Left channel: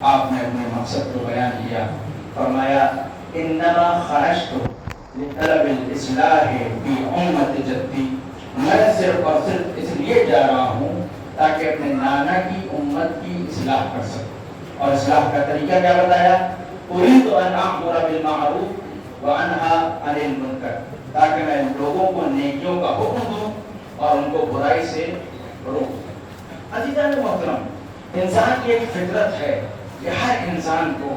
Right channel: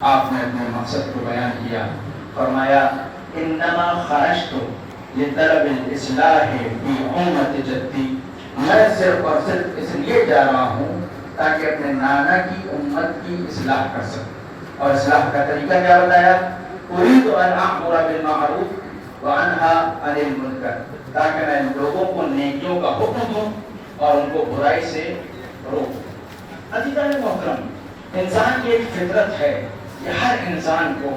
آپ نے اپنے مقصد کو بیان کیا، فرمایا انما خرجت لطلب الاصلاح فی امت جدی، میں صرف اور صرف اس لیے جا رہا ہوں تاکہ اپنے نانا کی امت کی اصلاح کر سکوں۔ اور اصلاح کا طریقہ کیا بتایا؟ اريد ان اامر بالمعروف وانہا عن المنکر، تاکہ میں لوگوں کو نیکیوں کا حکم دوں اور ان کو برائی سے روکوں۔ عزیزان محترم، انسان کی ایک فطرت ہے کہ ہر انسان کو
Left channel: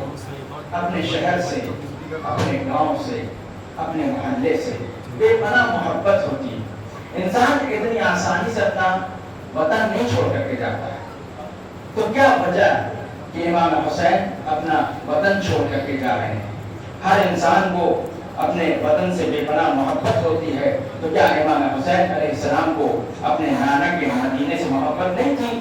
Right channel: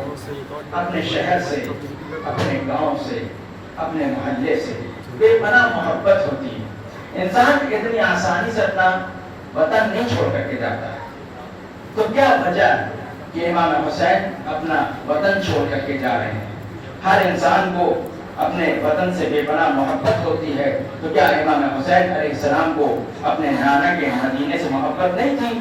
اپنے شہر سے، اپنے گاؤں سے، اپنے محلے سے بے پناہ محبت ہوتی ہے۔ انسان اتنی آسانی سے اپنا وطن نہیں چھوڑ کر کے جاتا ہے، تو کیا وجہ کہ امام حسین اپنا وطن چھوڑ کر کے جا رہے ہیں؟ ہر انسان کو اپنے وطن سے بے پناہ محبت ہوتی ہے، تو کیا امام حسین علیہ السلام کو اپنے نانا کے مدینے سے محبت نہیں تھی؟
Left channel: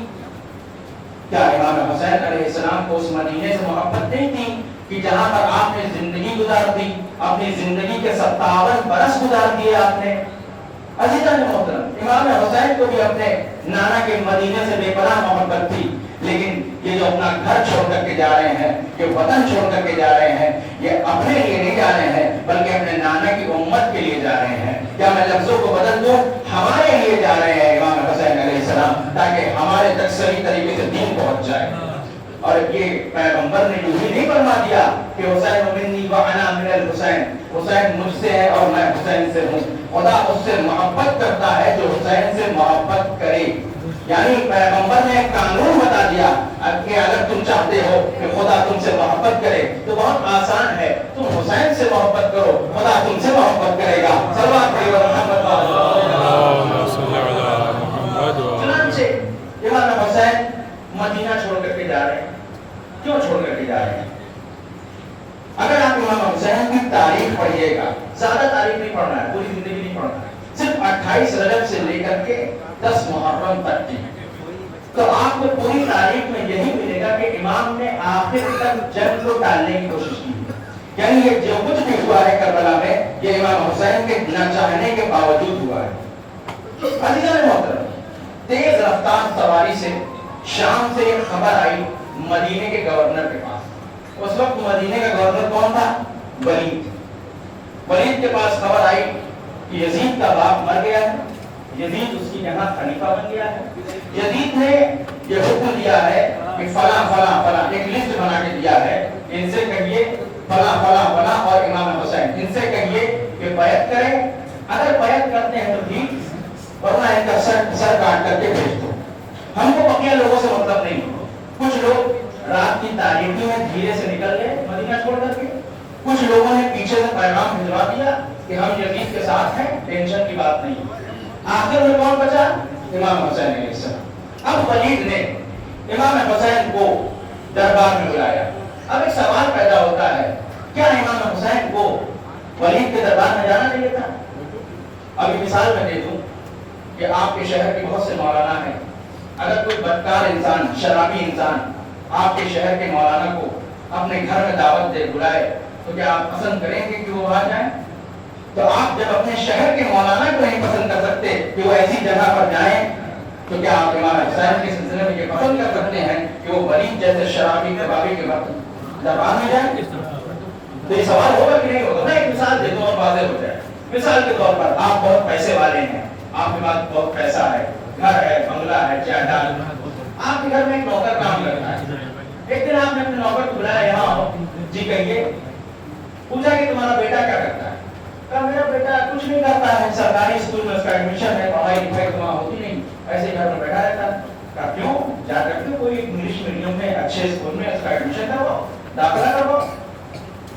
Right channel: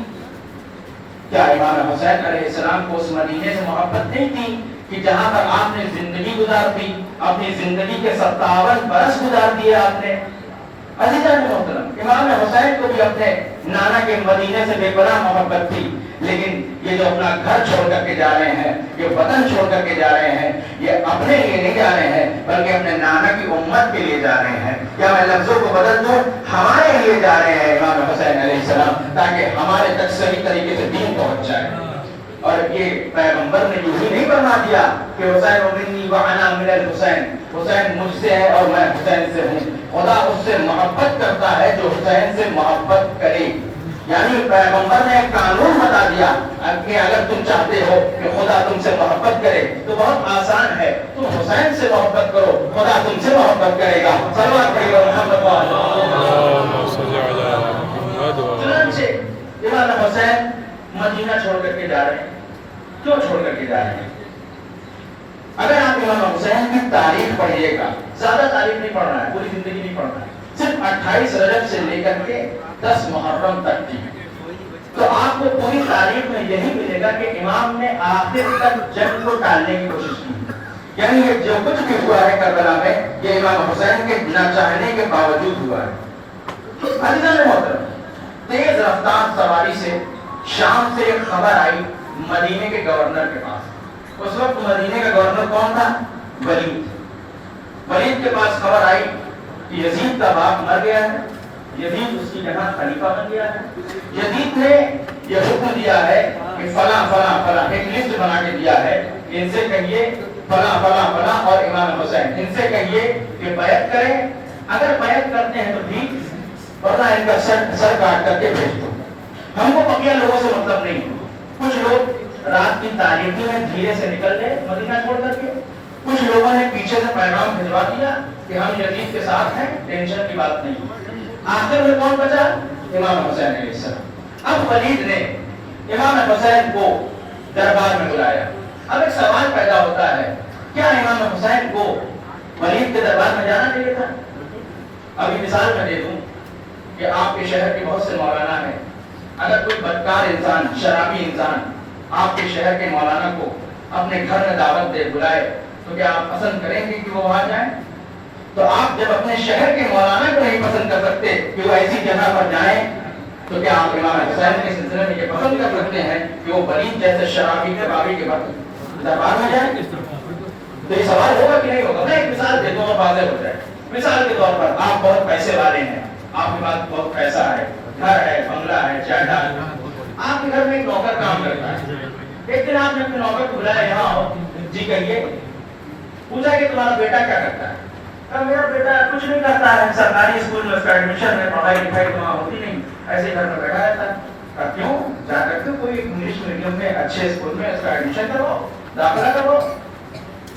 کیا امام حسین علیہ السلام کو اس مدینے سے محبت نہیں تھی کہ جہاں پر آپ نے زندگی گزار دی، اپنی زندگی کے 57 برس گزار دیے آپ نے؟ عزیزان محترم، امام حسین کو بھی اپنے نانا کے مدینے سے بے پناہ محبت تھی، لیکن یہ جو اپنا گھر چھوڑ کر کے جا رہے ہیں، یہ وطن چھوڑ کر کے جا رہے ہیں، یہ اپنے لیے نہیں جا رہے ہیں بلکہ اپنے نانا کی امت کے لیے جا رہے ہیں۔ کیا میں لفظوں کو بدل دوں؟ ہمارے لیے جا رہے ہیں امام حسین علیہ السلام، تاکہ ہمارے تک صحیح طریقے سے دین پہنچ جائے۔ اور یہ پیغمبر نے یوں ہی نہیں فرما دیا کہ حسین منی وانا من الحسین، حسین مجھ سے ہے اور میں حسین سے ہوں۔ خدا اس سے محبت کرتا ہے جو حسین سے محبت کرے۔ یعنی پیغمبر نے ایک قانون بتا دیا کہ اگر تم چاہتے ہو کہ خدا تم سے محبت کرے تو بہت آسان ہے، تم حسین سے محبت کرو، خدا تم سے محبت کرے گا۔ صلوات پڑھیے محمد چنانچہ امام حسین مدینہ چھوڑ کر کے جا رہے ہیں۔ کیوں چھوڑ کر کے جا رہے ہیں؟ اگر آپ امام حسین کی تاریخ پڑھیے گا، زیادہ تاریخ نہیں پڑھنا ہے، پوری زندگی نہیں پڑھنا ہے، صرف 28 رجب سے لے کر کے 10 محرم تک کی، تو آپ کو پوری تاریخ میں یہی ملے گا کہ امام نے آخر تک جنگ کو ٹالنے کی کوشش کی۔ یعنی یہ جو کچھ بھی ہوا ہے کربلا میں، یہ امام حسین کے نہ چاہنے کے باوجود ہوا ہے۔ عزیزان محترم، تیز رفتار سواری سے شام سے ایک خبر آئی مدینے کے گورنر کے پاس۔ اس وقت مدینے کا گورنر کون تھا؟ ولید کے پاس خبر آئی کہ یزید کا باپ مر گیا ہے، یزید اس کی جگہ خلیفہ بن گیا ہے۔ یزید نے یہ حکم دیا ہے کہ فلاں فلاں فلاں، ایک لسٹ بنا کے دیا ہے، ان سے کہیے فلاں فلاں فلاں اور امام حسین، ان سے کہیے کہ بیعت کریں، اگر بیعت کرتے ہیں تو ٹھیک، ورنہ ان کا سر کاٹ کر کے بھیج دو۔ ہم کو بقیہ لوگوں سے مطلب نہیں۔ کچھ لوگ رات کی تاریکی میں دھیرے سے نکل گئے مدینہ چھوڑ کر کے، کچھ لوگوں نے پیچھے سے پیغام بھجوا دیا کہ ہم یزید کے ساتھ ہیں، ٹینشن کی بات نہیں۔ آخر میں کون بچا؟ امام حسین علیہ السلام۔ اب ولید نے امام حسین کو دربار میں بلایا۔ اب ایک سوال پیدا ہوتا ہے، کیا امام حسین کو ولید کے دربار میں جانا چاہیے تھا؟ ابھی مثال میں دے دوں کہ آپ کے شہر کے بہت سے مولانا ہیں، اگر کوئی بدکار انسان، شرابی انسان آپ کے شہر کے مولانا کو اپنے گھر میں دعوت دے بلائے تو کیا آپ پسند کریں گے کہ وہ وہاں جائیں؟ تو آپ جب اپنے شہر کے مولانا کو نہیں پسند کر سکتے کہ وہ ایسی جگہ پر جائیں، تو کیا آپ امام حسین کے سلسلے میں یہ پسند کر سکتے ہیں کہ وہ ولید جیسے شرابی کبابی کے دربار میں جائیں؟ تو یہ سوال ہوگا کہ نہیں ہوگا؟ میں ایک مثال دیتا ہوں اور واضح ہو جائے۔ مثال کے طور پر آپ بہت پیسے والے ہیں، آپ کے پاس بہت پیسہ ہے، گھر ہے، بنگلہ ہے، جائیداد، آپ کے گھر میں ایک نوکر کام کرتا ہے۔ ایک دن آپ نے اپنے نوکر کو بلایا، یہاں آؤ جی کہیے، پوچھا کہ تمہارا بیٹا کیا کرتا ہے؟ کہا میرا بیٹا کچھ نہیں کرتا ہے، سرکاری اسکول میں اس کا ایڈمیشن ہے، پڑھائی لکھائی تو وہاں ہوتی نہیں، ایسے گھر میں بیٹھا رہتا ہے۔ کہا کیوں؟ جا کر کے کوئی انگلش میڈیم میں اچھے اسکول میں اس کا ایڈمیشن کرواؤ، داخلہ کرواؤ۔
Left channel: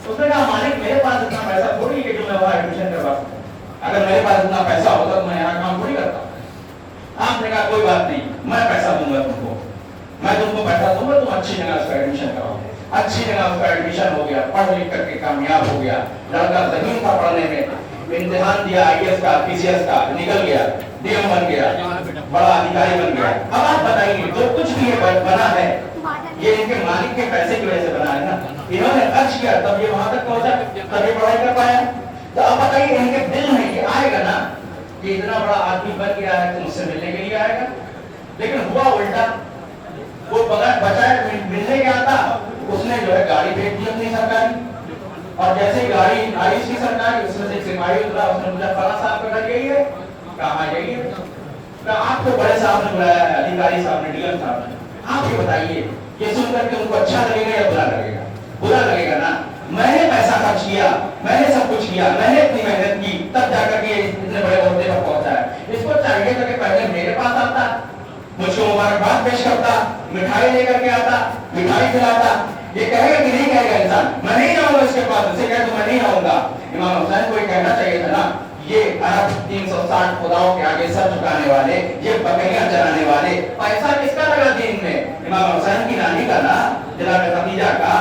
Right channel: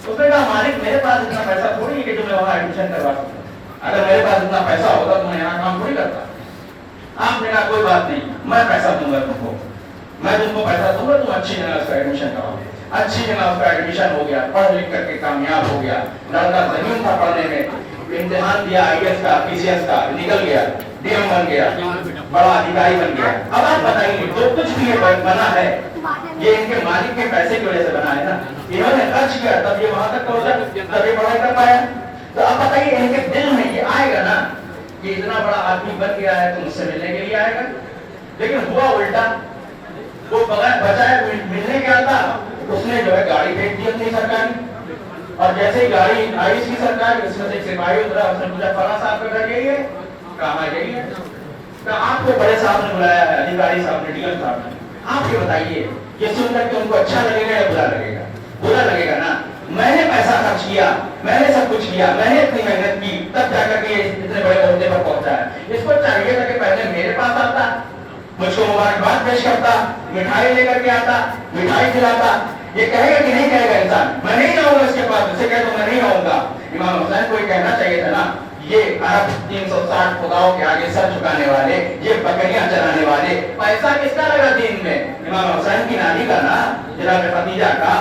اس نے کہا مالک میرے پاس اتنا پیسہ تھوڑی ہے کہ تمہیں وہاں ایڈمیشن کروا سکوں، اگر میرے پاس اتنا پیسہ ہوتا تو میں یہاں کام تھوڑی کرتا۔ آپ نے کہا کوئی بات نہیں، میں پیسہ دوں گا تم کو، میں تم کو پیسہ دوں گا، تم اچھی جگہ اس کا ایڈمیشن کراؤ۔ اچھی جگہ اس کا ایڈمیشن ہو گیا، پڑھ لکھ کر کے کامیاب ہو گیا، لڑکا ذہین تھا پڑھنے میں، امتحان دیا آئی ایس کا، پی سی ایس کا، نکل گیا، ڈی ایم بن گیا، بڑا ادھیکاری بن گیا۔ اب آپ بتائیے جو کچھ بھی یہ بنا ہے یہ ان کے مالک کے پیسے کی وجہ سے بنا ہے نا، انہوں نے خرچ کیا تب یہ وہاں تک پہنچا، تب یہ پڑھائی کر پایا۔ تو اب بتائیے ان کے دل میں یہ آئے گا نا کہ اتنا بڑا آدمی بن گیا ہے تو مجھ سے ملنے کے لیے آئے گا؟ لیکن ہوا الٹا، وہ بغیر بچائے ملنے کے آتا उसने जो है गाड़ी भेज दी अपनी सरकारी, और जैसे गाड़ी आई इसकी सरकारी, उसमें से एक सिपाही उतरा, उसने पूछा फला साहब का घर यही है? कहा यही है। कहा आपको बड़े साहब ने बुलाया है, अधिकारी साहब ने, डीएम साहब ने, आप ये बताइए, ये सुनकर के उनको अच्छा लगेगा या बुरा लगेगा? बुरा लगेगा ना। मैंने पैसा खर्च किया, मैंने सब कुछ किया, मैंने इतनी मेहनत की, तब जाकर के इतने बड़े ओहदे पर पहुंचा है। इसको चाहिए था कि पहले मेरे पास आता, मुझको मुबारकबाद पेश करता, मिठाई लेकर के आता, मिठाई खिलाता। ये कहेगा कि नहीं कहेगा इंसान, मैं नहीं जाऊंगा इसके पास, इसे कहे तो मैं नहीं आऊंगा। इमाम हुसैन को ये कहना चाहिए था ना, ये अरब 360 खुदाओं के आगे सर झुकाने वाले, ये बकरियां चराने वाले, पैसा किसका लगा दीन में? इमाम हुसैन की नानी का ना, जनाब खदीजा का।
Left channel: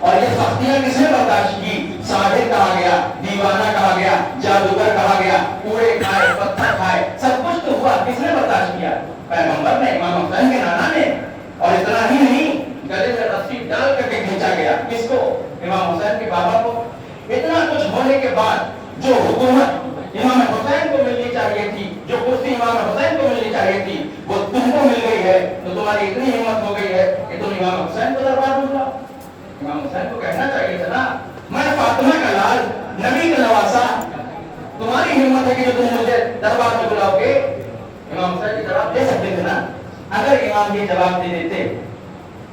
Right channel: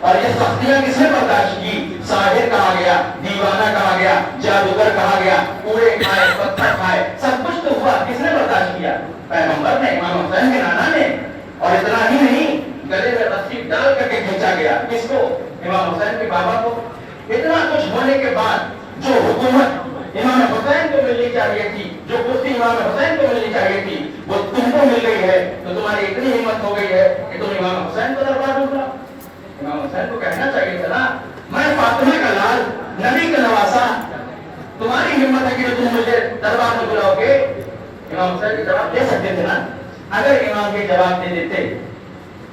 और ये सख्तियां किसने बर्दाश्त की? साहिर कहा गया, दीवाना कहा गया, जादूगर कहा गया, कूड़े खाए, पत्थर खाए, सब कुछ तो हुआ, किसने बर्दाश्त किया? पैगंबर ने, इमाम हुसैन के नाना ने। और इतना ही नहीं, गले में रस्सी डाल करके खींचा गया, किसको? इमाम हुसैन के बाबा को। इतना कुछ होने के बाद जो हुकूमत इमाम हुसैन को मिलनी चाहिए थी, जो कुर्सी इमाम हुसैन को मिलनी चाहिए थी, वो तुमको मिल गई है, तो तुम्हारी इतनी हिम्मत हो गई है कि तुम इमाम हुसैन को दरबार ढूंढा। इमाम हुसैन को कहना चाहिए था ना, मैं फातिमा का लाल, नबी का नवासा, तुम्हारी हिम्मत है कि तुम मुझे दरबार में बुलाओगे। इमाम हुसैन के जवाब दे सकते थे ना। अगर इमाम ये जवाब दे देते,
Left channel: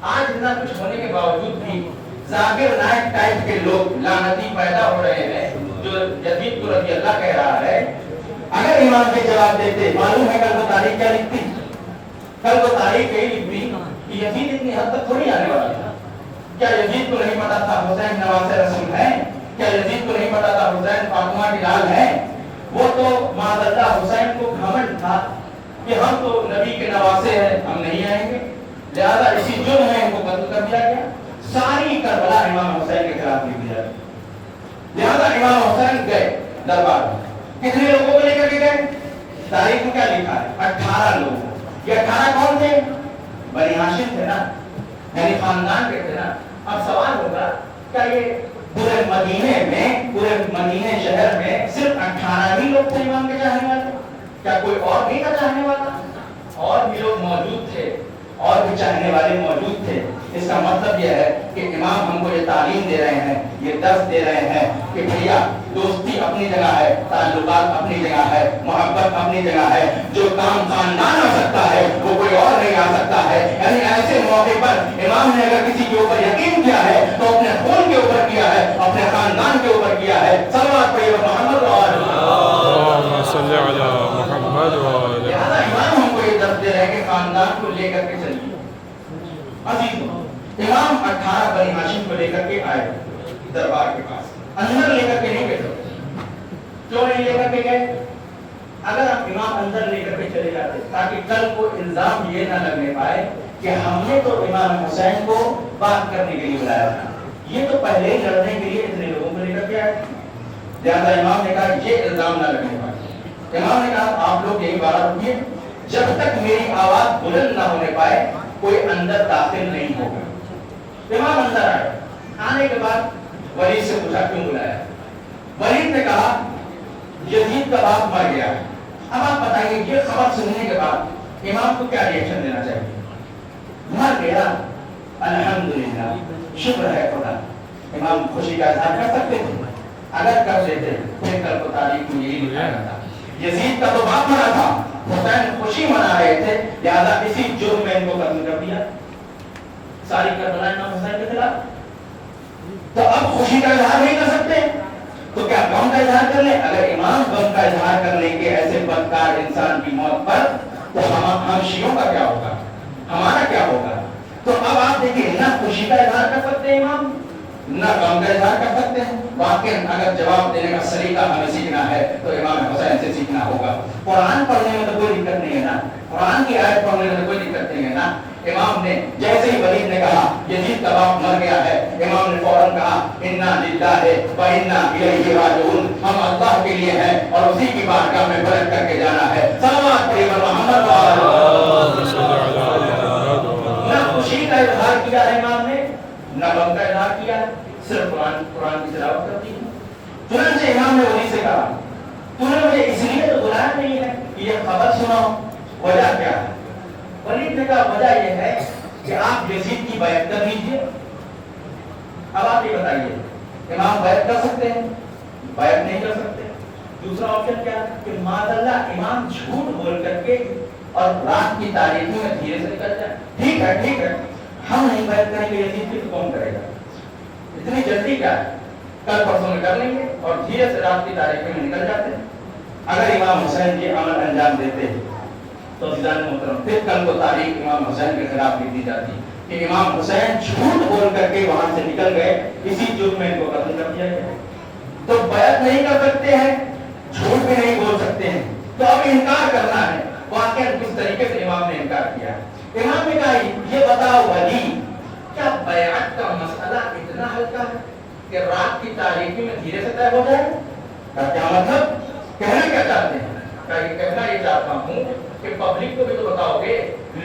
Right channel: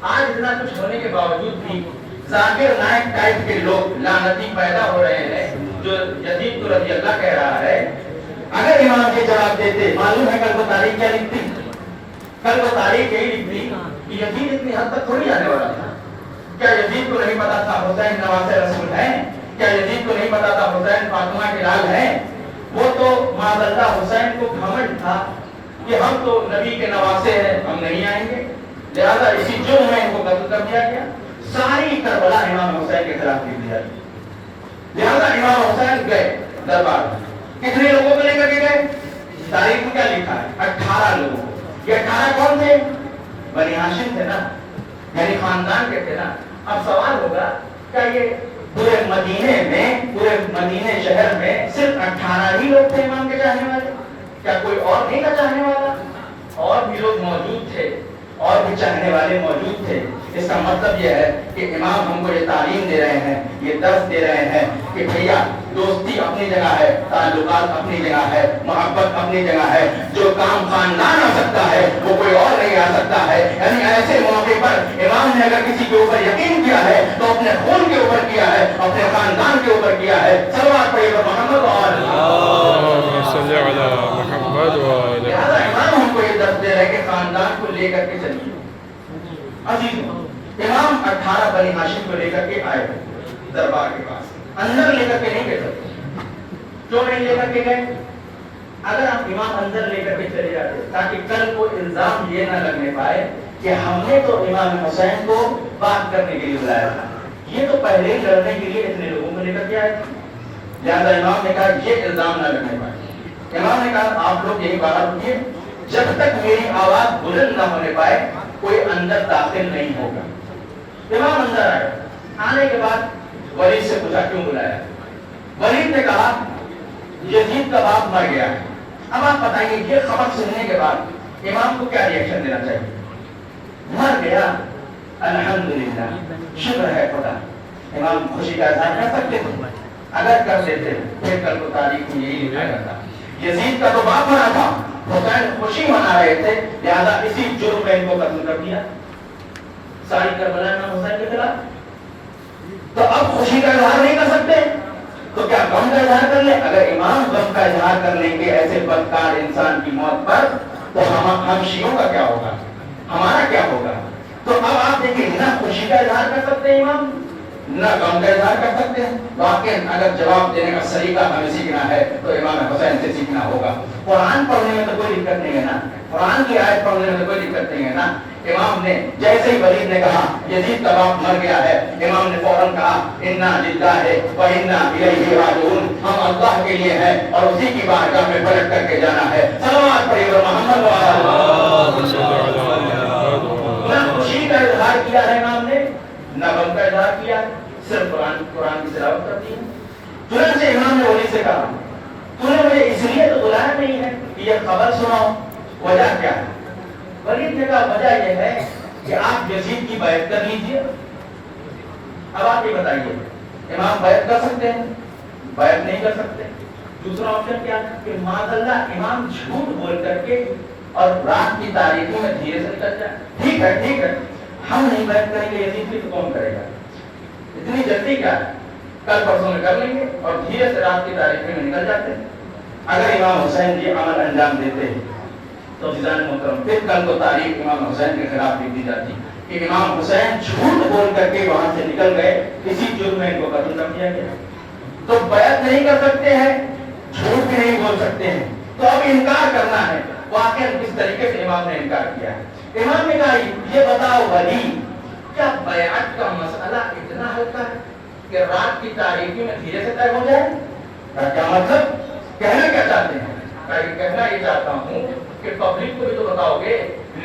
आज इतना कुछ होने के बावजूद भी जाकिर नायक टाइप के लोग लानती पैदा हो रहे हैं, जो यजीद को रज़ी अल्लाह कह रहा है। अगर इमाम के जवाब देते, मालूम है कल को तारीख क्या लिखती? कल को तारीख यही लिखती कि यजीद इतनी हद तक थोड़ी आने वाला था। क्या यजीद को नहीं पता था हुसैन नवासे रसूल हैं? क्या यजीद को नहीं पता था हुसैन फातिमा के लाल हैं? वो तो माज़अल्लाह हुसैन को घमंड था कि हम तो नबी के नवासे हैं, हम नहीं आएंगे, लिहाजा इसी जुर्म में इनको कत्ल कर दिया गया। सारी करबला इमाम हुसैन के खिलाफ लिख दिया। लिहाजा इमाम हुसैन गए दरबार। कितने लोगों को लेकर के गए? तारीख में क्या लिखा है? 18 लोगों को। ये 18 कौन थे? बनी हाशिम थे ना, यानी खानदान के थे ना। अब सवाल होगा, क्या ये पूरे मदीने में, पूरे मदीने शहर में सिर्फ 18 ही लोग थे इमाम के चाहने वाले? क्या कोई और नहीं था चाहने वाला? और भी लोग मौजूद थे, और भी चाहने वाले मौजूद थे। इसका मतलब यह है कि इमाम हमको ये तालीम दे रहे हैं, ये दर्स दे रहे हैं कि भैया दोस्ती अपनी जगह है, ताल्लुकात अपनी जगह है, मोहब्बत अपनी जगह है। जो काम खानदान आ सकता है वो कोई और नहीं आ सकता है। यानी ऐसे मौके पर इमाम ने अगर किसी के ऊपर यकीन किया है तो अपने खून के ऊपर किया है, अपने खानदान के ऊपर किया है। सल्लल्लाहु अलैहि मोहम्मद लिहाजा इमाम हमको ये दर्स दे रहे हैं कि खानदान को लेकर के चलिए। अजीज इमाम 18 बनी हाशिम को लेकर के आए दरबार के पास, अंदर लेकर के नहीं गए। क्यों नहीं लेकर के गए? अगर आप इमाम अंदर लेकर के चले जाते ताकि कल को इल्जाम ये ना लगने पाए कि हमने तो इमाम हुसैन को बात करने के लिए बुलाया था, ये तो पहले ही लड़ने के लिए इतने लोगों को लेकर के आए थे। लिहाजा इमाम ने कहा ये इल्जाम ना लगने पाए। इमाम ने कहा आप लोग यही बात रुकिए, जब तक मेरी आवाज बुलंद ना होने पाए कोई अंदर दाखिल नहीं होगा। इमाम अंदर आए। आने के बाद वलीद से पूछा क्यों बुलाया? वलीद ने कहा यजीद का बाप मर गया है। अब आप बताइए ये खबर सुनने के बाद इमाम को क्या रिएक्शन देना चाहिए? मर गया, अल्हम्दुलिल्लाह, शुक्र है खुदा। इमाम खुशी का इजहार कर सकते थे? अगर कर देते फिर कल को तारीख में यही लिखा करता, यजीद का तो बाप मरा था, हुसैन खुशी मना रहे थे, लिहाजा इसी जुर्म में इनको कत्ल कर दिया। सारी करबला इमाम हुसैन के खिलाफ। तो अब खुशी का इजहार नहीं कर सकते तो क्या गम का इजहार कर ले? अगर इमाम गम का इजहार कर लेंगे ऐसे बदकार इंसान की मौत पर, तो हम शियों का क्या होगा, हमारा क्या होगा? तो अब आप देखिए, ना खुशी का इजहार कर सकते हैं इमाम, ना गम का इजहार कर सकते हैं। वाकई अगर जवाब देने का सलीका हमें सीखना है तो इमाम हुसैन से सीखना होगा। कुरान पढ़ने में तो कोई दिक्कत नहीं है ना, कुरान की आयत पढ़ने में तो कोई दिक्कत नहीं है ना। इमाम ने जैसे ही वलीद ने कहा यजीद का बाप मर गया है, इमाम ने फौरन कहा इन्ना लिल्लाहि व इन्ना इलैहि राजिऊन, हम अल्लाह के लिए हैं और उसी की बारगाह में पलट करके जाना है। सलावत पढ़िए मोहम्मद ना खुशी का इजहार किया है इमाम ने, ना गम का इजहार किया, सिर्फ कुरान की तिलावत करती है। चुनांचे इमाम ने वली से कहा तूने मुझे इसलिए तो बुलाया नहीं है कि ये खबर सुनाओ, वजह क्या है? वलीद ने कहा वजह यह है कि आप यजीद की बैत कर लीजिए, اب آپ یہ بتائیے امام بیعت کر سکتے ہیں؟ بیعت نہیں کر سکتے. دوسرا آپشن کیا ہے کہ معاذ اللہ امام جھوٹ بول کر کے اور رات کی تاریخوں میں دھیرے سے نکل جائے. ٹھیک ہے ہم نہیں بیعت کریں گے یزید کی تو کون کرے گا؟ اتنی جلدی کیا ہے؟ کل پرسوں میں کر لیں گے اور دھیرے سے رات کی تاریخ میں نکل جاتے ہیں. اگر امام حسین یہ عمل انجام دیتے تو عزیزان محترم پھر کل کو تاریخ امام حسین کے خلاف لکھ دی جاتی کہ امام حسین جھوٹ بول کر کے وہاں سے نکل گئے, اسی جرم میں ان کو قتل کر دیا گیا. تو بیعت نہیں کر سکتے ہیں, جھوٹ بھی نہیں بول سکتے ہیں, تو اب انکار کرنا ہے. واقعا کس طریقے سے امام نے انکار کیا؟ امام نے کہا یہ بتاؤ ولی کیا بیعت کا مسئلہ اتنا ہلکا ہے کہ رات کی تاریکی میں دھیرے سے طے ہو جائے؟ کیا مطلب کہنا کیا چاہتے ہیں؟ کہنا یہ چاہتا ہوں کہ پبلک کو بھی تو بتاؤ گے,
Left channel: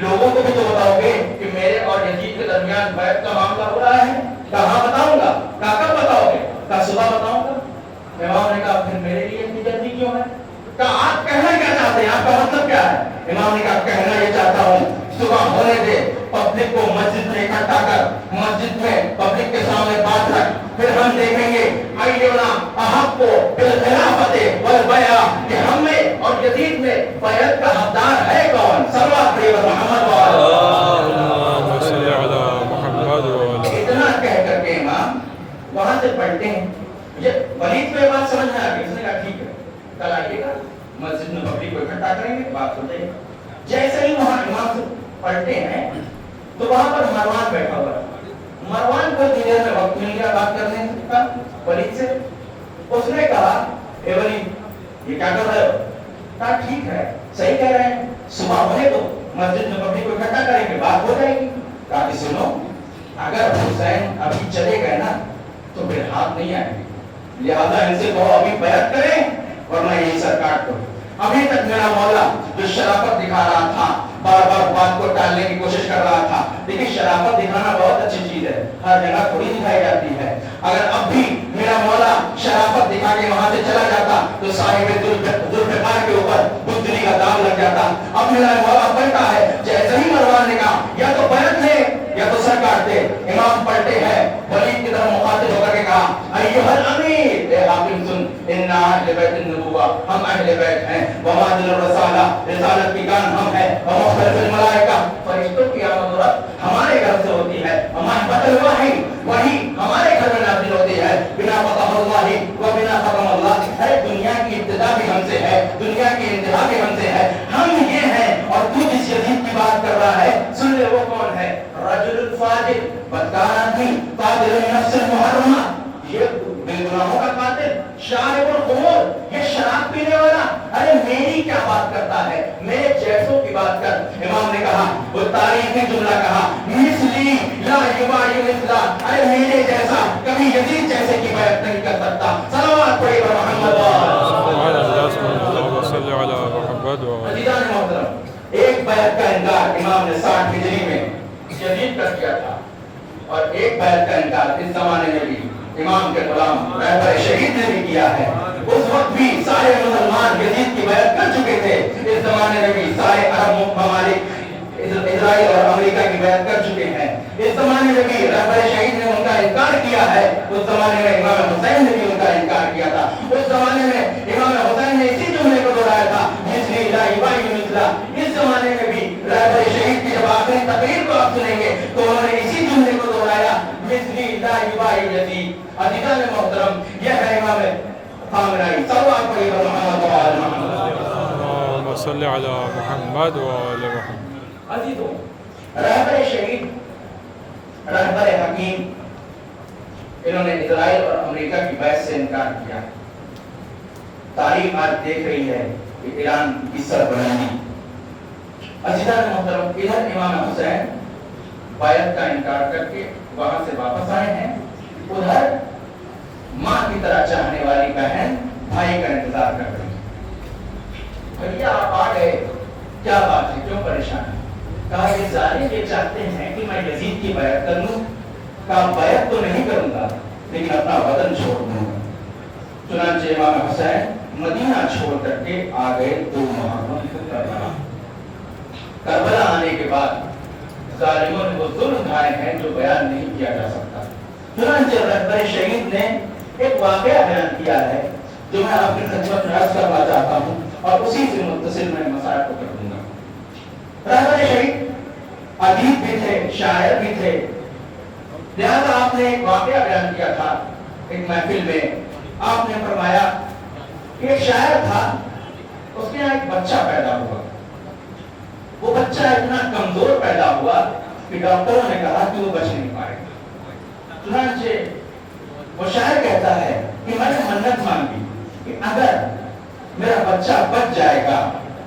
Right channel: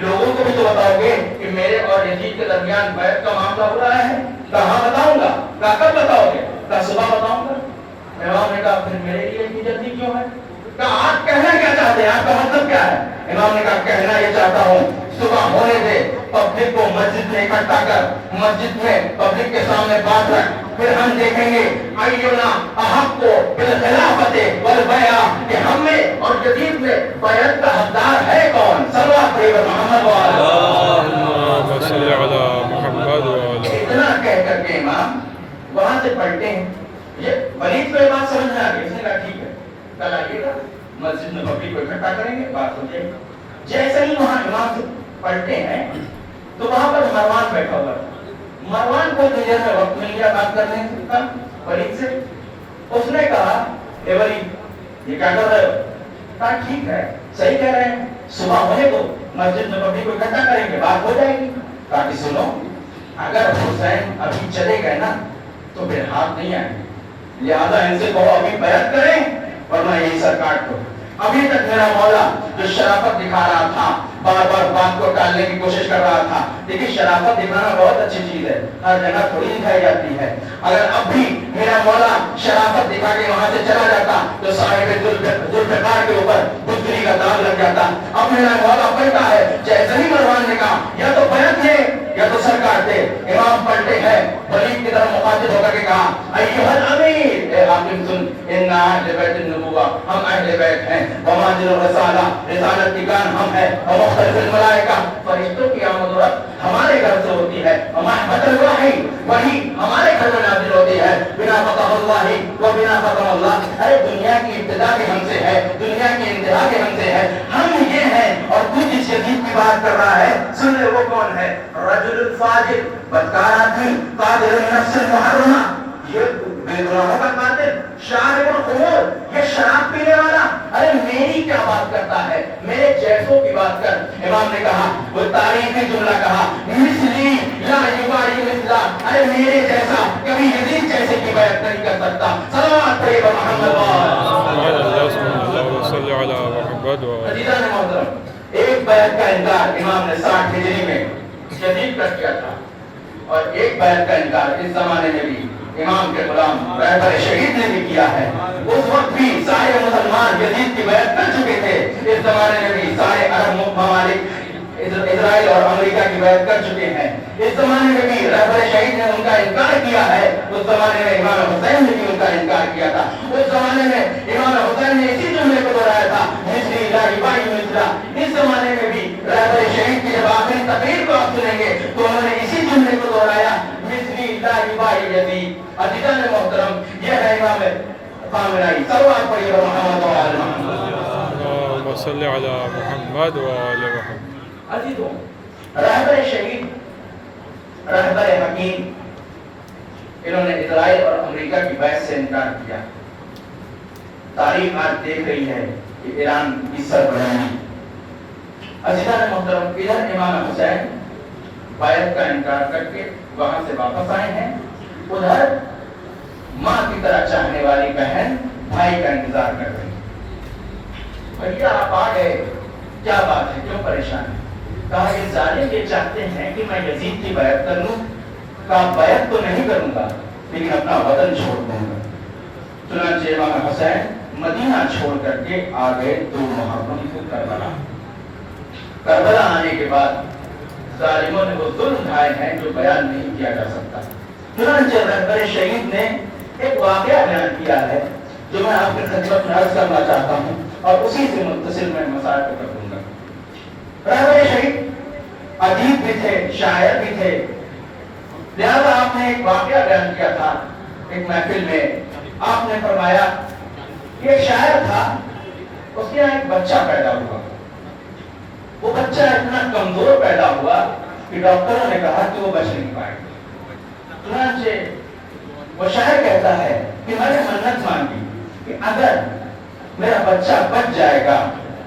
لوگوں کو بھی تو بتاؤ گے کہ میرے اور یزید کے درمیان بیعت کا معاملہ ہو رہا ہے. کہاں بتاؤں گا؟ کب بتاؤ گے؟ کل صبح بتاؤں گا. امام نے کہا پھر میرے لیے اتنی جلدی کیوں ہے؟ کہا آپ کہنا کیا چاہتے ہیں, آپ کا مطلب کیا ہے؟ امام نے کہا کہنا یہ چاہتا ہوں صبح ہونے دے, پبلک کو مسجد میں اکٹھا کر, مسجد میں پبلک کے سامنے بات رکھ, پھر ہم دیکھیں گے ایونا احق کو بالخلافت والبیع کہ ہم میں اور یزید میں بیعت کا حقدار ہے کون؟ صلوات محمد اللہم صلی علی محمد وعلی. اتنا کہہ کر کے امام وہاں سے پڑھتے ہیں. ولید کو یہ بات سمجھ میں آ گئی. اس نے کہا ٹھیک ہے کل آئیے گا, مسجد میں پبلک کو اکٹھا کریں گے, بات ہو جائے گی. جیسے ہی وہاں امام سے پڑھتے ہیں تو وہاں پر مروان بیٹھا ہوا ہے. مروان کو دیر میں وقت مل گیا بات کرنے کا ولید سے. اس نے کہا اے ولید یہ کیا کر رہے ہو؟ کہا ٹھیک ہے صحیح کہہ رہے ہیں, صبح ہونے دو, مسجد میں پبلک کو اکٹھا کریں گے, بات ہو جائے گی. کہا کہ سنو اگر حسین ابھی چلے گئے نا تو پھر ہاتھ نہیں آئیں گے, لہذا ان سے کہو ابھی بیعت کریں ورنہ یہی سر کاٹ دو. ابھی تک میرا مولا جو شرافت دکھا رہا تھا, بار بار بات کو ٹالنے کی کوشش کر رہا تھا, لیکن شرافت دکھانا بہت اچھی چیز ہے, ہر جگہ تھوڑی دکھائی جاتی ہے. اگر اب بھی میرا مولا شرافت دکھا کے وہاں سے چلا جاتا تو صاحب ذوالفقار کے اوپر بزدلی کا داغ لگ جاتا. اب میرا مولا بیٹھا ہے, جیسے ہی مروان نے کہا یا تو بیعت ہے یا تو سر کاٹ دے. امام پلٹے ہیں, ولید کی طرف مخاطب ہو کر کے کہا ایھا الامیر, اے حاکم سن, انا اہل بیت النبوہ, ہم اہل بیت ہیں, ومادر الرسالہ, رسالت کی کان ہم ہیں, ومختلف الملائکہ, فرشتوں کی آمد و رفت ہمارے گھر سے ہوتی ہے, ومحبت الوحی, وحی ہمارے گھر میں نازل ہوتی ہے, بنا فتح اللہ و بنا ختم اللہ. ارے دنیا کی ابتدا بھی ہم سے ہے, دنیا کی انتہا بھی ہم سے ہے, ہم یہ ہیں. اور تو جس یزید کی بات کر رہا ہے سن لے وہ کون ہے؟ رجل الفاجر, بدکار آدمی, قاتل النفس المحرمہ, یہ بے گناہوں کا قاتل, شارب الخمور, یہ شراب پینے والا. ارے میری کیا بات کرتا ہے, میرے جیسوں کی بات کر. امام نے کہا, وہ تاریخی جملہ کہا, مثلی لا یبائی مثلا, ارے میرے جیسا کبھی یزید جیسے کی بیعت نہیں کر سکتا. صلوات پڑھیں محمد صلی علی محمد وعلی. عزیزان محترم, ایک بیعت کا انکار امام نے 60 ہجری میں یزید کر کیا تھا, اور ایک بیعت کا انکار اس زمانے میں بھی امام کے غلام رہبر شہید نے بھی کیا ہے. اس وقت بھی سارے مسلمان یزید کی بیعت کر چکے تھے, اس زمانے میں بھی سارے عرب ممالک اسرائیل اور امریکہ کی بیعت کر چکے ہیں. اس زمانے میں بھی رہبر شہید نے ان کا انکار کیا ہے, اس زمانے میں امام حسین نے بھی ان کا انکار کیا تھا. اس زمانے میں امام حسین نے اسی جملے کو دہرایا تھا, مثلی لا یبائی مثلا. اس زمانے میں بھی رہبر شہید کی جب آخری تقریر کو آپ سنیں گے تو انہوں نے اسی جملے کو دہرایا, مثلی لا یبائی یزید. عزیزان محترم, یہ ہے امام خامنائی. صلوات پڑھیے محمد وعلی محمد. اللہم صلی علی محمد وعلی محمد. عزیزوں, رہبر شہید, رہبر حکیم, انہوں نے اسرائیل اور امریکہ کی بیعت سے انکار کیا. تاریخ آج دیکھ رہی ہے کہ ایران کی سربراہی. عزیزان محترم, ادھر امام حسین بیعت کا انکار کر کے وہاں سے واپس آئے ہیں, ادھر ماں کی طرح چاہنے والی بہن بھائی کا انتظار کر رہی ہے. بھیا آپ آ گئے, کیا بات ہے, کیوں پریشان ہے؟ کہا یہ ظالم یہ چاہتے ہیں کہ میں یزید کی بیعت کر لوں. کہا بیعت تو نہیں کروں گا لیکن اپنا وطن چھوڑ دوں گا. چنانچہ امام حسین مدینہ چھوڑ کر کے آ گئے 2 محرم کو کربلا. کربلا آنے کے بعد ظالموں نے وہ ظلم اٹھائے ہیں جو بیان نہیں کیا جا سکتا. चुनांचे रहबर शहीद ने एक वाकया बयान किया है जो मैं आपकी खिदमत में अर्ज करना चाहता हूँ और उसी से मुत्तसिल मैं मसाइल को कर दूंगा। रहबर शहीद अदीब भी थे, शायर भी थे, लिहाजा आपने एक वाकया बयान किया था एक महफिल में। आपने फरमाया कि एक शायर था, उसके यहाँ एक बच्चा पैदा हुआ। वो बच्चा इतना कमजोर पैदा हुआ कि डॉक्टरों ने कहा कि वो बच नहीं पाएगा। चुनांचे वो शायर कहता है कि मैंने मन्नत मांगी कि अगर मेरा बच्चा बच जाएगा,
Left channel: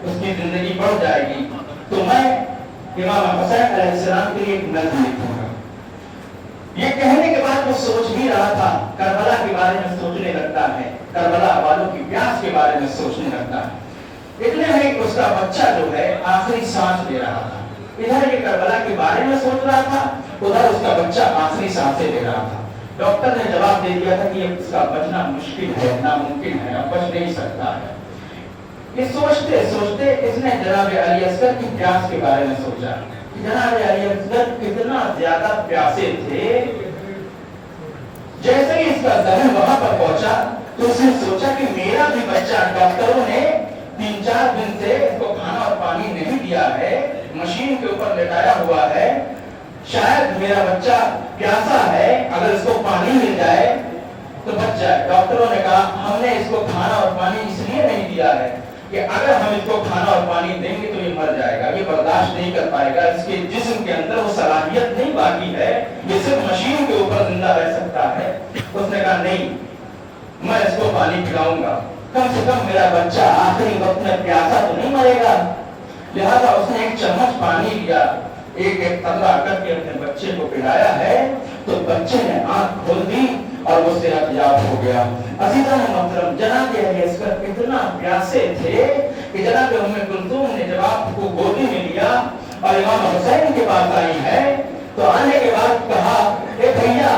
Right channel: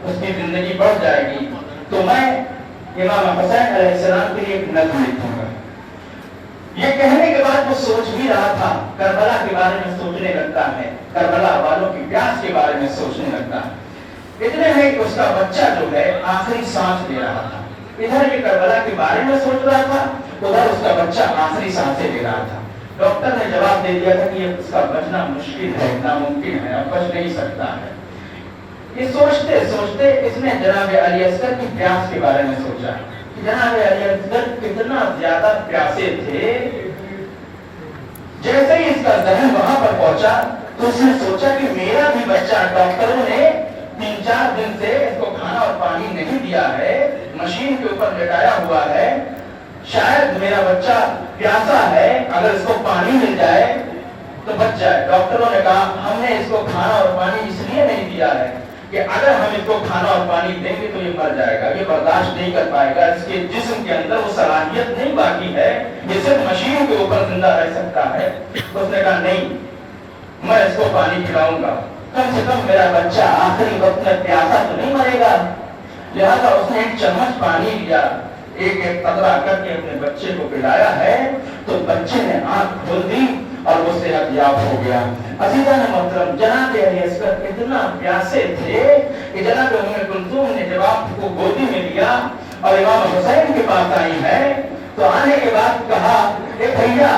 उसकी जिंदगी बढ़ जाएगी, तो मैं इमाम हुसैन अलैहिस्सलाम के लिए एक नज़्म लिखूंगा। ये कहने के बाद वो सोच भी रहा था, करबला के बारे में सोचने लगता है, करबला वालों की प्यास के बारे में सोचने लगता है। इतने में कि उसका बच्चा जो है आखिरी सांस ले रहा था। इधर ये करबला के बारे में सोच रहा था, उधर उसका बच्चा आखिरी सांसें ले रहा था। डॉक्टर ने जवाब दे दिया था कि ये उसका बचना मुश्किल है, नामुमकिन है, अब बच नहीं सकता है। ये सोचते सोचते इसने जनाब अली असगर की प्यास के बारे में सोचा कि जनाब अली असगर कितना ज्यादा प्यासे थे। जैसे ही इसका जहन वहां पर पहुंचा तो उसने सोचा कि मेरा भी बच्चा, डॉक्टरों ने 3-4 दिन से इसको खाना और पानी नहीं दिया है, मशीन के ऊपर लेटाया हुआ है, शायद मेरा बच्चा प्यासा है, अगर इसको पानी मिल जाए तो बच जाए। डॉक्टरों ने कहा हमने इसको खाना और पानी इसलिए नहीं दिया है कि अगर हम इसको खाना और पानी देंगे तो ये मर जाएगा, ये बर्दाश्त नहीं कर पाएगा, इसके जिस्म के अंदर वो सलाहियत नहीं बाकी है, ये सिर्फ मशीन के ऊपर जिंदा रह सकता है। उसने कहा नहीं, मैं इसको पानी पिलाऊंगा, कम से कम मेरा बच्चा आखिरी वक्त में प्यासा तो नहीं मरेगा। लिहाजा उसने एक चम्मच पानी लिया, एक एक कतरा करके अपने बच्चे को पिलाया है, तो बच्चे ने आंख खोल दी और वो सेहतयाब हो गया। अज़ीज़ान मोहतरम, जनाब अली असगर इतना प्यासे थे कि जनाब उम्मे कुलसूम ने जब आपको गोदी में लिया और इमाम हुसैन के पास आई है, तो आने के बाद कहा ए भैया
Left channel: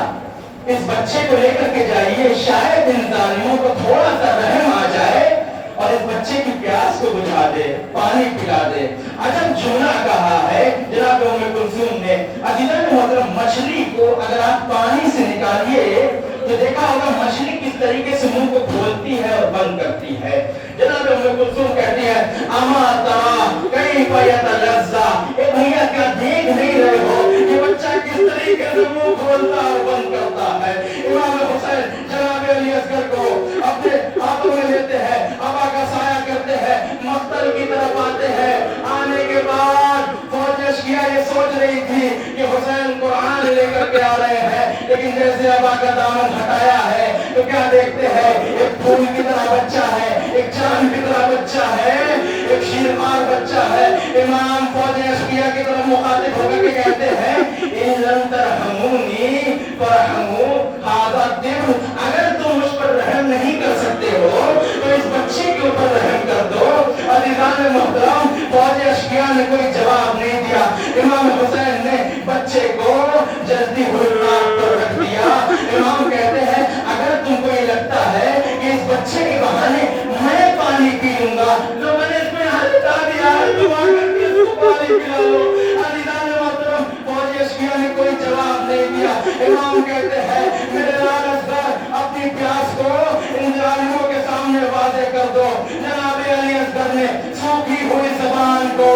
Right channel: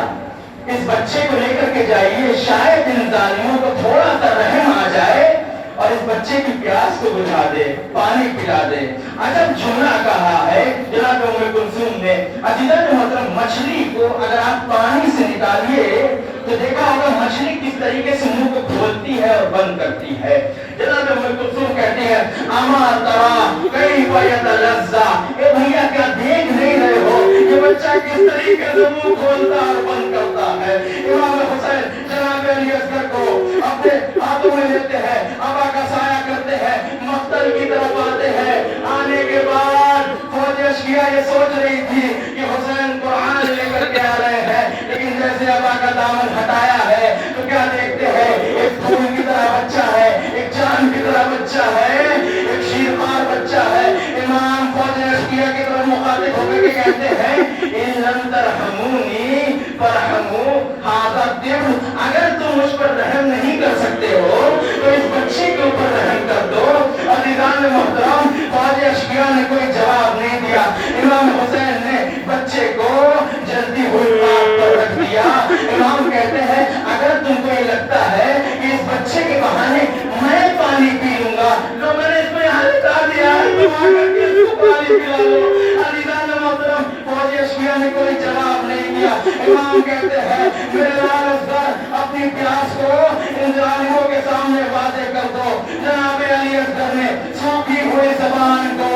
इस बच्चे को लेकर के जाइए, शायद इन जालिमों को थोड़ा सा रहम आ जाए और इस बच्चे की प्यास को बुझा दे, पानी पिला दे। अजब जुमला कहा है जनाब उम्मे कुलसूम ने। अज़ीज़ान मोहतरम, मछली को अगर आप पानी से निकालिए तो देखा होगा मछली किस तरीके से मुंह को खोलती है और बंद करती है। जनाब उम्मे कुलसूम कहती है अमा तरा कई यतलज़्ज़ा, ए भैया क्या देख नहीं रहे हो ये बच्चा किस तरीके से मुंह खोलता और बंद करता है। इमाम हुसैन जनाब अली असगर को अपने हाथों में लेते हैं, अबा का साया करते हैं, मक्तल की तरफ आते हैं। आने के बाद फौज अश्किया ये सोच रही थी कि हुसैन कुरान लेकर के आ रहे हैं, लेकिन जैसे अबा का दामन हटाया है तो क्या देखते हैं, एक फूल की तरह बच्चा है, एक चांद की तरह बच्चा है, एक शीरमार बच्चा है। इमाम फौज अश्किया की तरफ मुखातिब होकर के कहते हैं इन लम तरहमूनी फरहमू हादा दिल, अगर तुम मुझ पर रहम नहीं कर सकते हो तो इस बच्चे के ऊपर रहम कर दो। अज़ीज़ान मोहतरम, फौज अश्किया ने कोई जवाब नहीं दिया। इमाम हुसैन ने बच्चे को जल्दी हुई आग पर रख दिया। इमाम कहते हैं अगर तुमको ये लगता है कि इस बच्चे के बहाने मैं पानी पी लूंगा, तो मैंने इसको यहाँ लिटा दिया है, तुम आकर के इसको पानी पिला लो। अज़ीज़ान मोहतरम, फौज अश्किया ने कोई जवाब नहीं दिया। इमाम कहते हैं मेरे लाल असगर अपनी प्यास को इन जालिमों के सामने वादे कर दो। जनाब अली असगर ने सूखी हुई ज़बान को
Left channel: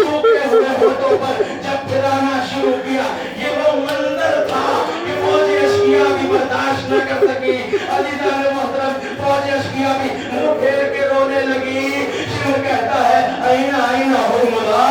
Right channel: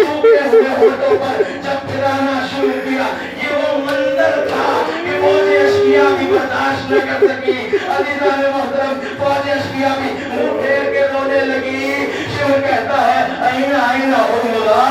सूखे हुए होठों पर जब फिराना शुरू किया, ये वो मंजर था कि फौज अश्किया भी बर्दाश्त न कर सकी। अज़ीज़ान मोहतरम, फौज अश्किया भी मुंह फेर के रोने लगी। शेर कहता है आईना आईना हुर्मुला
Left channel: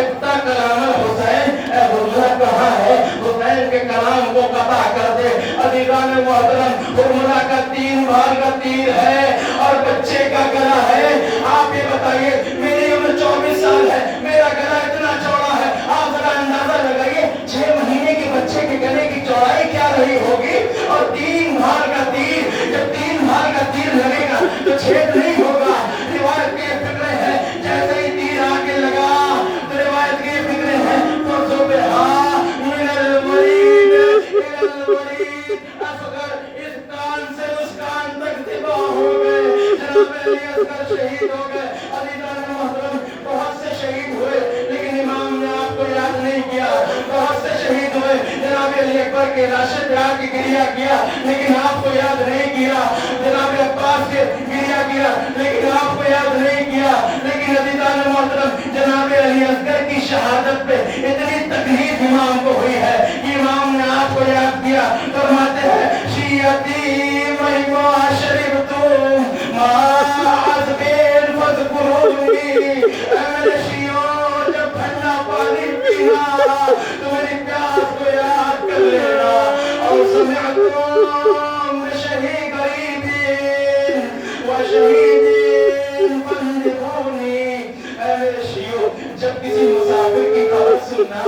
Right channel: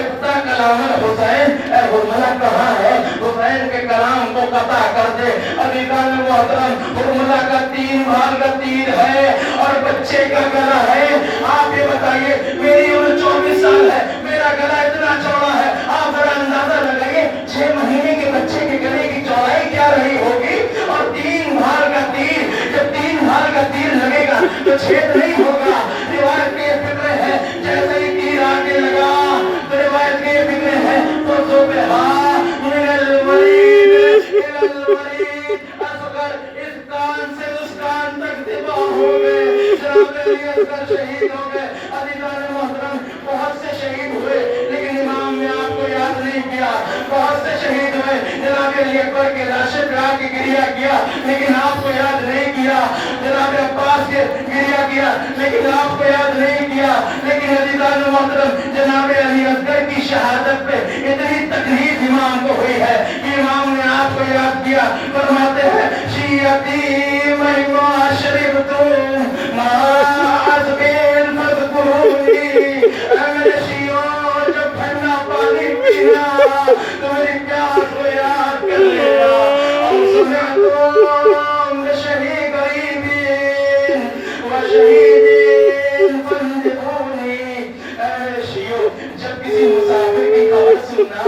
इब्ता कलाम हुसैन, ए हुर्मुला कहाँ है, हुसैन के कलाम को कता कर दे। अज़ीज़ान मोहतरम, हुर्मुला का 3 भाग का तीर है और बच्चे का गला है। आप ये बताइए मेरी उम्र 24 साल है, मेरा गला इतना चौड़ा है, आप जरा अंदाजा लगाइए 6 महीने के बच्चे के गले की चौड़ाई क्या रही होगी। और 3 भाग का तीर, जब 3 भाग का तीर लगेगा तो छेद नहीं होगा। रिवायत के फिक्र है जैसे ही तीर आगे लगा तो रिवायत के फिक्र है तो सुबह इस कान से उस कान तक दिबा हो गए। जनाब अली असगर शहीद हो गए। अज़ीज़ान मोहतरम, बहुत से शहीद हुए लेकिन इमाम ने आपको याद नहीं किया। बहुत से शहीद हुए, जनाब जनाब अली अकबर के लाशे पे आके गिरिया किया लेकिन आपको याद नहीं किया, जनाब अब्बास के गिरिया किया लेकिन आपको याद नहीं किया। लेकिन अज़ीज़ान मोहतरम जनाब अली असगर की शहादत पे इतनी तकलीफ इमाम को हुई है कि इमाम ने आपको याद किया। फरमाते हैं शियती महिमा शरीफ तुम माज बिन फज़कुरूनी, मेरे शियो जब ठंडा पानी पीना तो मेरी प्यास को याद कर लेना। और सुमिअतुम शहीद गरीबी व शहीदीन फंदिबूनी, मेरे शियो जब किसी मुसाफिर की खबर सुनना,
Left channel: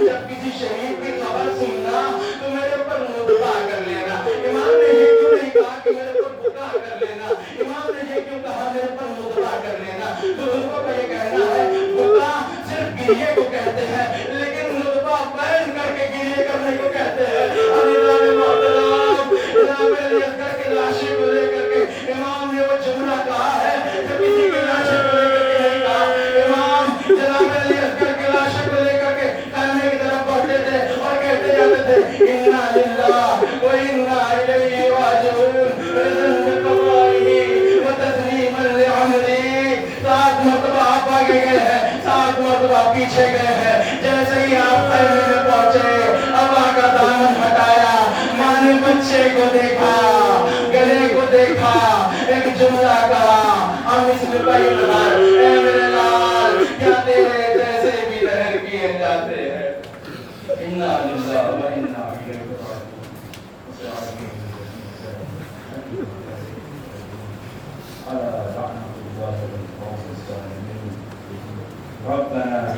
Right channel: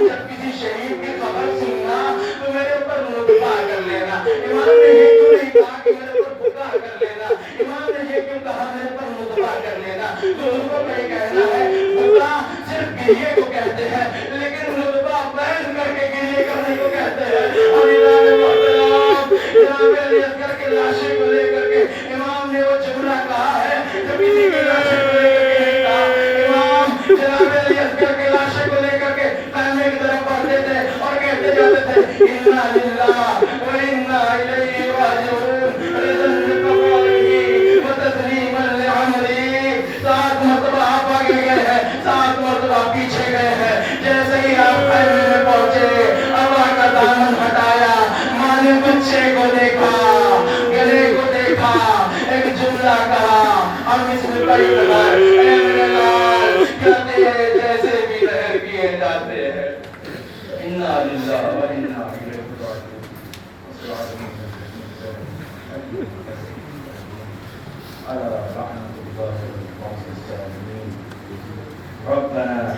जब किसी शहीद की खबर सुनना तो मेरे ऊपर लुत्फा कर लेना। इमाम ने ये क्यों नहीं कहा कि मेरे ऊपर बुका कर लेना, इमाम ने ये क्यों कहा मेरे ऊपर लुत्फा कर लेना। तो उनको मैं कहना है बुका सिर्फ गिरिए को कहते हैं लेकिन लुत्फा बैन करके गिरिए करने को कहते हैं। जनाब अली असगर के लाशे को लेकर के इमाम ने वो जुमला कहा है जो किसी के लाशे को लेकर के नहीं कहा। इमाम जनाब अली असगर के लाशे को लेकर के खाने की तरफ बढ़ते थे और कहते जाते थे इन्ना लिल्लाह व इन्ना इलैहि राजिऊन व तस्लीमन लिअमरी। 7 मरतबा आप आगे गए हैं, 7 मरतबा पीछे गए हैं। जैसे ही आप खैमे में पहुंचे अल्लाह का दामन हटाया, माँ ने बच्चे को देखा, गले को देखा, एक जुमला कहा हम इसमें कई बार मेरे लाल कहते हैं जैसे भी लहर किए जाते हैं। इन्ना लिल्लाह व इन्ना इलैहि राजिऊन। रब्बना